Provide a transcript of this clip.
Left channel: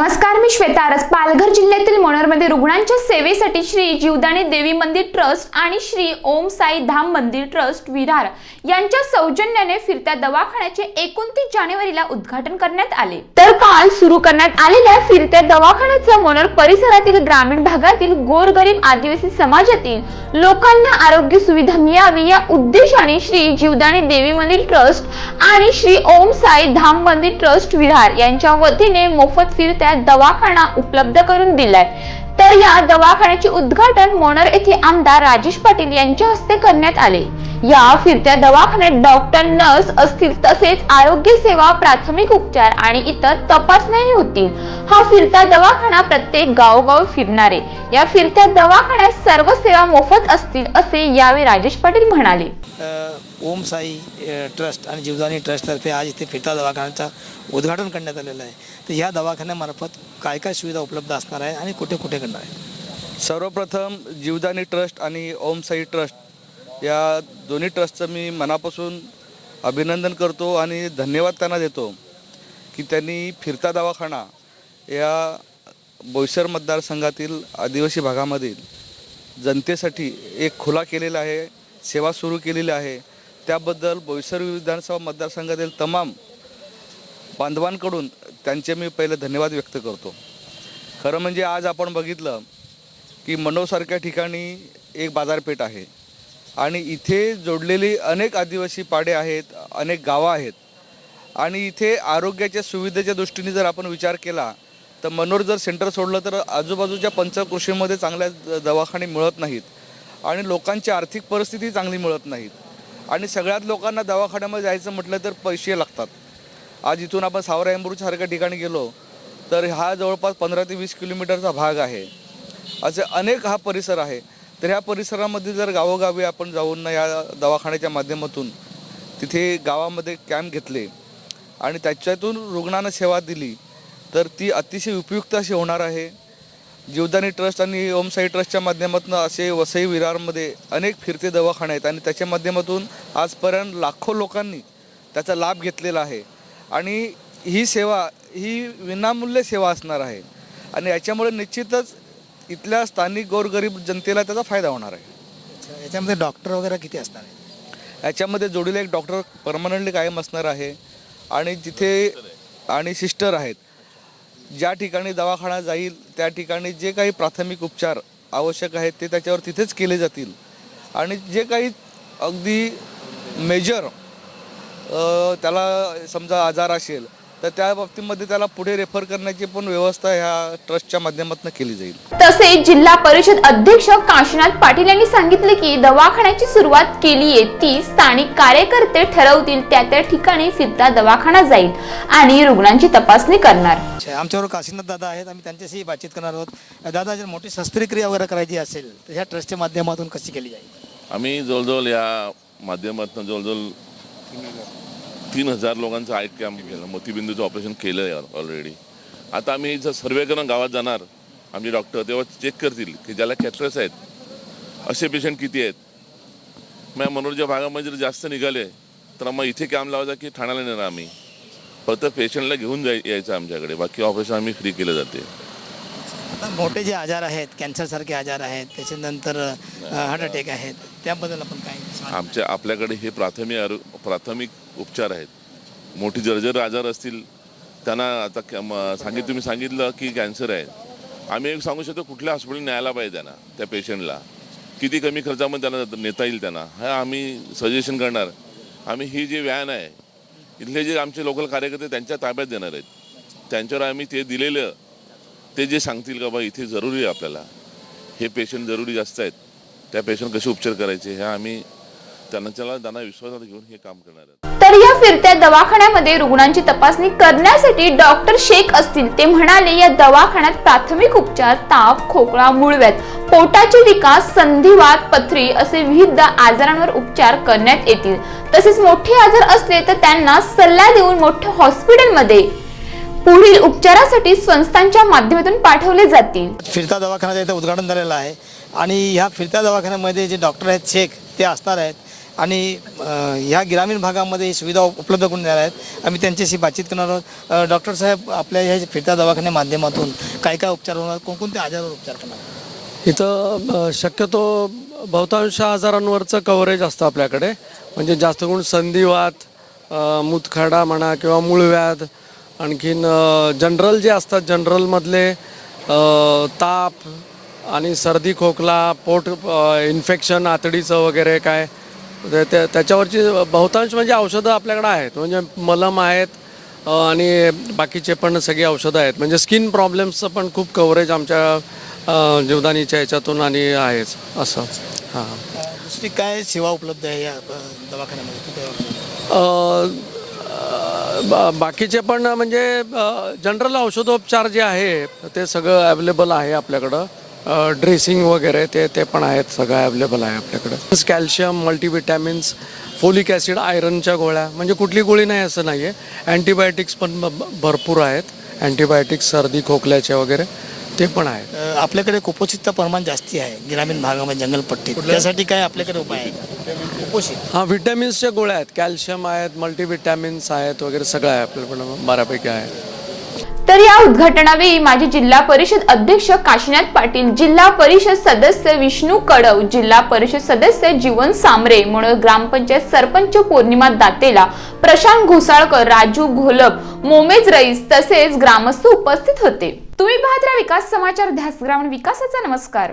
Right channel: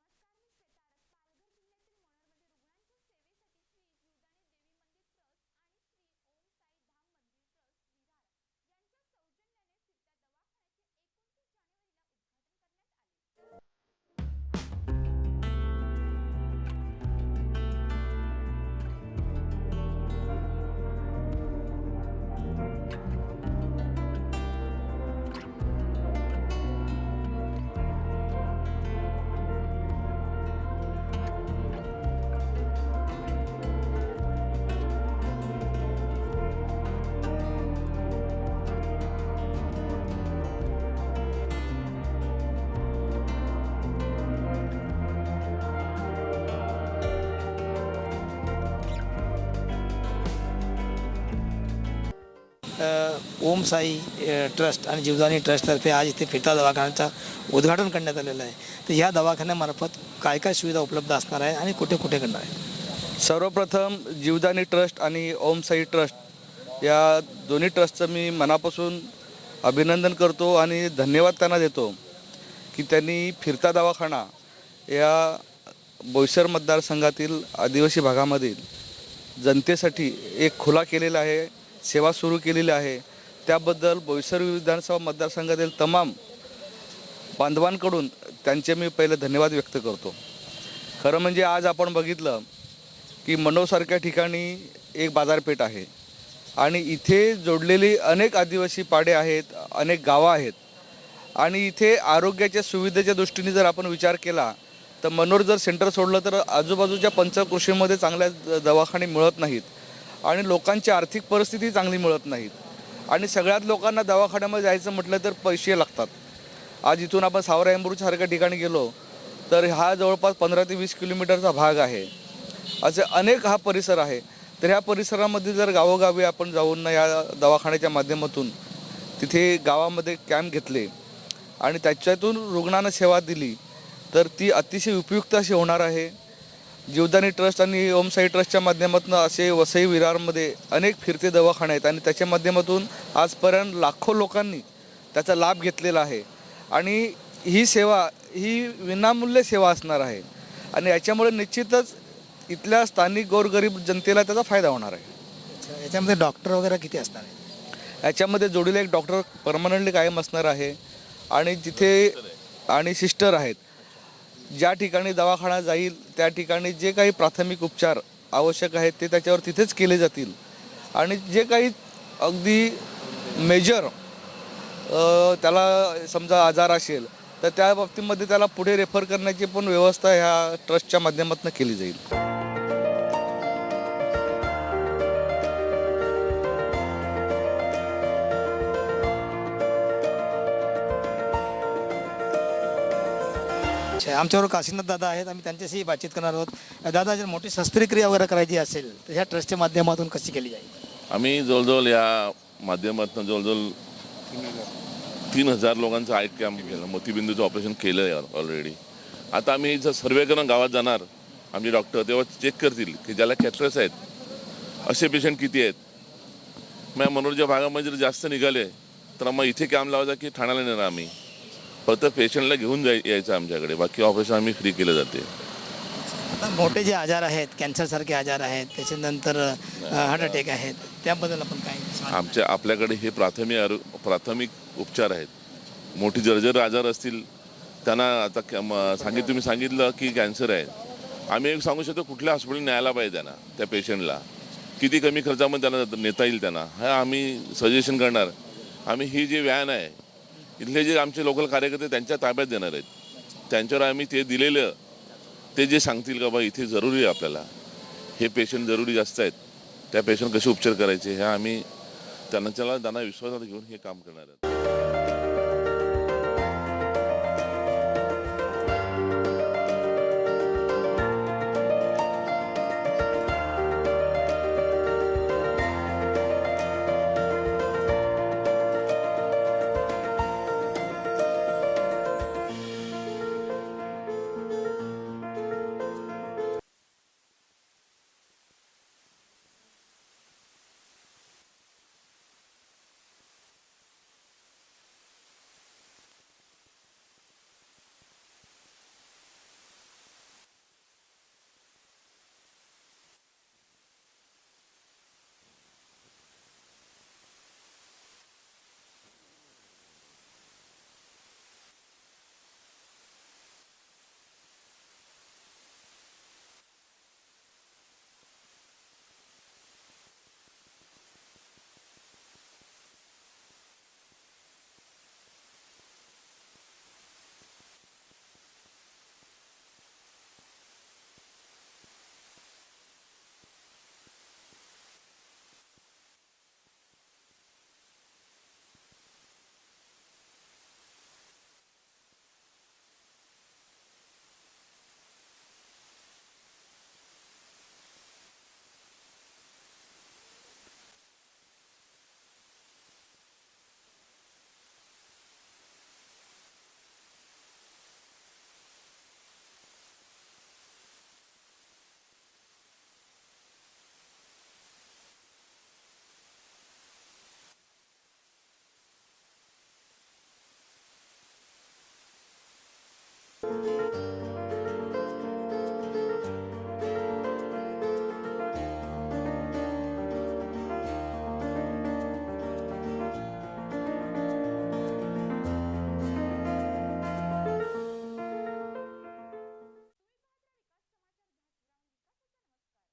नमस्कार मी श्वेता आरस. पालघर जिल्ह्यातील मोनरमध्ये रुग्णांच्या सेवेसाठी श्री जीवदानी देवी मंदिर ट्रस्ट आणि श्री ओम साई धाम मंदिर ट्रस्ट विरार यांच्या सौजन्याने फिरत्या दवाखान्याचे एकोणतीस जानेवारीला उद्घाटन करण्यात आले. तर काल सुरू करण्यात आलेल्या फिरत्या दवाखान्याचा मोनर परिसरातील ग्रामीण भागातील गोरगरीब आदिवासी समाजातील लोकांना आरोग्य सुविधा मिळावी या उद्देशाने श्री जीवदानी देवी मंदिर ट्रस्ट आणि श्री ओम साई धाम मंदिर ट्रस्ट विरार यांच्या वतीने मोफत फिरत्या दवाखाना उपलब्ध करून दिलाय. तर या दवाखान्याचे उद्घाटन मोनर येथे आमदार राजेश पाटील यांच्या हस्ते करण्यात आले. या फिरत्या दवाखान्यात डॉक्टर नर्स असतील तसेच आरोग्य सेवा प्राथमिक उपचार आणि इतर तपासण्याही होतील. हा फिरता दवाखाना प्रत्येक गावोगाव फिरणारे. या फिरत्या दवाखान्यात सर्व सेवा मोफत असतील असे यावेळी राजेश पाटील म्हणाले. ओम साई ट्रस्ट आणि जीवदानी ट्रस्टतर्फे आज इथे फिरता दवाखान्याचा उद्घाटन करण्यात आलेलं आहे. तर या दवाखान्यामार्फत काय काय सुविधा उपलब्ध असणार आहे आणि कुठे कुठे करणार आहे. सर्वप्रथम जीवदानी ट्रस्ट आणि ओम साई ट्रस्ट या दोन्ही ट्रस्टचं मी मनापासून अभिनंदन करतो आणि धन्यवाद त्यांना देतो की त्यांनी फिरता दवाखाना या बोईसर मतदारसंघातील आदिवासी भागामधील जनतेसाठी एक खुला केलेला आहे सेवा सुरू केलेली आहे. त्याबद्दल बोईसर विधानसभा मतदारसंघातील तमाम बांधवांकडून त्यांचे मी पहिले धन्यवाद व्यक्त करतो. खरं म्हणजे आज आपण बघितलं की मनोसारख्या ठिकाणी एक बाजारपेठ आहे. आणि इथे जोडलेली अनेक आदिवासी पाडे आहेत अनेक गावं आहेत. आणि इथे आरोग्याच्या सुविधेच्या दृष्टीने जर आपण विचार केला तर मनोर जर सेंटर सोडलं तर आजूबाजूच्या पंचकृषीमध्ये चांगल्या दवाखाने मिळत नाहीत. आणि लोकांची आर्थिक परिस्थिती चांगली मिळत नाहीत. आणि सगळ्यात लोकांना दवाखान्यामध्ये जायचं म्हटलं तर पैसे लागतात. आज इथून आपण सावरा एंबूरसारख्या ठिकाणी गेलो तर हा जवळपास पंधरा ते वीस किलोमीटरचा भाग आहे. असे अनेक हा परिसर आहे. तर ह्या परिसरामध्ये जर गावोगावी आपण जाऊन ना या दवाखान्याच्या माध्यमातून तिथे गावामध्ये कॅम्प घेतले आणि त्याच्यातून रुग्णांना सेवा दिली तर ती अतिशय उपयुक्त अशी होणार आहे. जीवदानी ट्रस्ट आणि ओमसाई ट्रस्टच्या माध्यमातून असे वसई विरारमध्ये अनेक फिरते दवाखाने आहेत आणि त्याच्या माध्यमातून आजपर्यंत लाखो लोकांनी त्याचा लाभ घेतलेला आहे. आणि ही सेवा ही विनामूल्य सेवा असणार आहे. आणि याच्यामुळे निश्चितच इथल्या स्थानिक गोरगरीब जनतेला त्याचा फायदा होणार आहे. याच्यामध्ये डॉक्टर वगैरे किती असणार आहे? याच्यामध्ये जोडीला एक डॉक्टर परमनंटली कायम असणार आहे. आणि जिथे आणि सिस्टर आहेत. ज्या ठिकाणी दवाखाना जाईल त्या ठिकाणी जे काही प्राथमिक उपचार आवश्यक आहेत ते त्याच्यावर तिथेच केले जातील. आणि जे काही अगदी मेजर त्याला समजा आजार असेल तर त्या बाबतीमध्ये त्याला पुढे रेफर करण्याची पण व्यवस्था ह्या ट्रस्टच्या माध्यमातून केली जाईल. तसेच जिल्हा परिषद अध्यक्ष काशीनाथ पाटील यांनी सांगितले की दवाखान्याची सुरुवात केली आहे ती स्थानिक कार्यकर्ते ठरवतील त्या त्या ठिकाणी फिरता दवाखाना जाईल आणि रुग्णांची तपासणी करणार. आमच्याबरोबर काशीनाथ दादा आहेत आम्ही त्यांच्याशी बातचीत करणार आहोत. दादा जर मोठी शस्त्रक्रिया वगैरे करायची असेल तर ह्या ट्रस्टच्या माध्यमातून कशी केली जाईल? आम्ही जवळजवळ या माध्यमातून जवळजवळ तीन हजार लोकांचं आय कॅम्प केलं मोतीबिंदूचं ऑपरेशन केलं आहे ऑलरेडी आता आम्ही जर सर्वे करून गावात जाणार आमचे डॉक्टर तेव्हा चेक करतील की ज्याला कॅथरस आहेत असे पेशंट किती आहेत. मग मनोरच्या भागामध्ये जर जास्त निघाले तर मग इथे कॅम्प लावायचा की ठाण्याला नेणार आम्ही. फक्त पेशंटला घेऊन जाय यायचं आमच्याकडे. बाकी ऑपरेशन आम्ही फ्री केलं जाते. आता मोठे जे आजार आहेत कॅन्सरसारखे आजार आहेत त्याच्यानंतर हार्ट अटॅक आहेत त्याबद्दल आपण काय? आमच्या आपल्याकडे हे प्राथमिक आरो प्राथमिक उपचार आहेत. मोठी जर्जर आजार असतील त्यांना आता सांगित तुम्ही सांगितलं की कॅन्सर आहे. आम्ही एक सांगू शकतो कुठल्या हॉस्पिटल न्यायला पाहिजे त्यांना त्या पेशंटला किती कमी खर्चामध्ये त्यांना नेता येईल त्यांना. हा आम्ही सजेशन करणार. आम्ही ही जी व्हॅन आहे इथले जे आमचे लोकल कार्यकर्ते त्यांच्या ताब्यात देणार आहेत. त्यांच्यावर आम्ही ते दिलेलं ते जे सांगतील का बा इथे जरुरी आहे आपल्याला. हे पेशंट जरुरी जास्त आहेत. त्या पेशंट कसे उपचार करायचे हे आम्ही त्यांना त्याला त्यांना विश्वासात घेऊन हे काम करणार आहोत. तर या फिरत्या दवाखान्यामध्ये रुग्णांची तपासणी करण्यासाठी डॉक्टर शेख असतील ते म्हणाले या दवाखान्यात प्राथमिक उपचार ताप खोकला मूळव्याध पोटाचे विकास संधिवात पथरी असे विविध आजारांवर उपचार करण्यात येतील. तसेच मोठे आजार असले तर त्यांना सल्ला देऊन मोठ्या हॉस्पिटलमध्ये पुढील उपचारासाठी संस्थांच्या माध्यमातून पाठवले जातील. फिरता दवाखान्याचं इथं उद्घाटन झालेलं आहे. आणि ह्या फिरत्या दवाखान्यामध्ये जे डॉक्टर आहेत शेख ते असणार आहेत. आणि ह्या ग्रामीण भागामध्ये ही सुविधा उपलब्ध करून देणार आहेत. आम्ही त्यांच्याशी बातचीत करणार आहोत. डॉक्टर साहेब आपल्या ह्या फिरत्या दवाखान्या माध्यमातून काय काय उपचार होणार? कोणकोणत्या आजारावर उपचार करणार? इथं शक्यतो बहुतांश आजारांवरचं कव्हरेज असतं आपल्याकडे. म्हणजे जास्त करून संधिवात मुतखडा म्हणा किंवा मूळव्याध आणखीन जनरल जे असतात जनरलमधले ताप आणि सर्दी खोकला पोट इन्फेक्शन आतडीचं वगैरे काय त्या- त्याच्यावरची बहुतांश म्हणजे औषधं आपल्याकडे आहेत. म्हणजे मलम आहेत आणि बाकीचे पण सगळी औषधं आहेत. म्हणजे स्किन प्रॉब्लेम्सचं पण खूप कव्हरेज आमच्या जीवदानीच्या ह्याच्यातून आणि आहेच. असं. हां. दुसरी काय सेवा उपलब्ध आहे या दवाखान्यामध्ये? बाकीचे पण म्हणजे जनरल औषधोपचार जे आहे ते सगळं अवेलेबल आहे आपल्याकडं. ड्रेसिंग वगैरे ते ते पण आहेत सगळं अवेलेबल आहे आपल्याकडं. कॅल्शियम मल्टीविटॅमिन्स फोलिक ॲसिड आयरनच्या गोळ्या म्हणजे कुठली गोळी नाही असं नाही आहे अँटीबायोटिक्स पण भरपूर आहेत. अँटीबायोटिक्स सर्दी खोकल्याचे वगैरे ते पण आहेत. अ, आपल्याकडे कुपोषितचं प्रमाण जास्ती आहे ग्रामीण भागामध्ये जंगलपट्टीत. त्यासाठी काय आपल्याकडे उपाय आहे? कुपोषित. हां व्हिटॅमिन्सच्या गोळ्या आहेत. कॅल्शियम आहेत मल्टीविटॅमिन्स आहेत वगैरे सगळं आहे आपल्याकडं बऱ्यापैकी आहे. तर या उद्घाटनावेळी माजी जिल्हा परिषद अध्यक्ष काशीनाथ पाटील जिल्हा परिषद सदस्य विष्णू कडव जिल्हा परिषद सदस्य जीवन सामरे म्हणून ग्रामपंचायत सरपंच पौर्णिमा दातेला प्रशांत घोसाळकर राजू घोलप मोमेज रईस तसेच ग्रामस्थ उपस्थित होते. तुम्ही पाहत राहा विकास समाचार ध्यास ग्रामीण विकासाचा नमस्कार.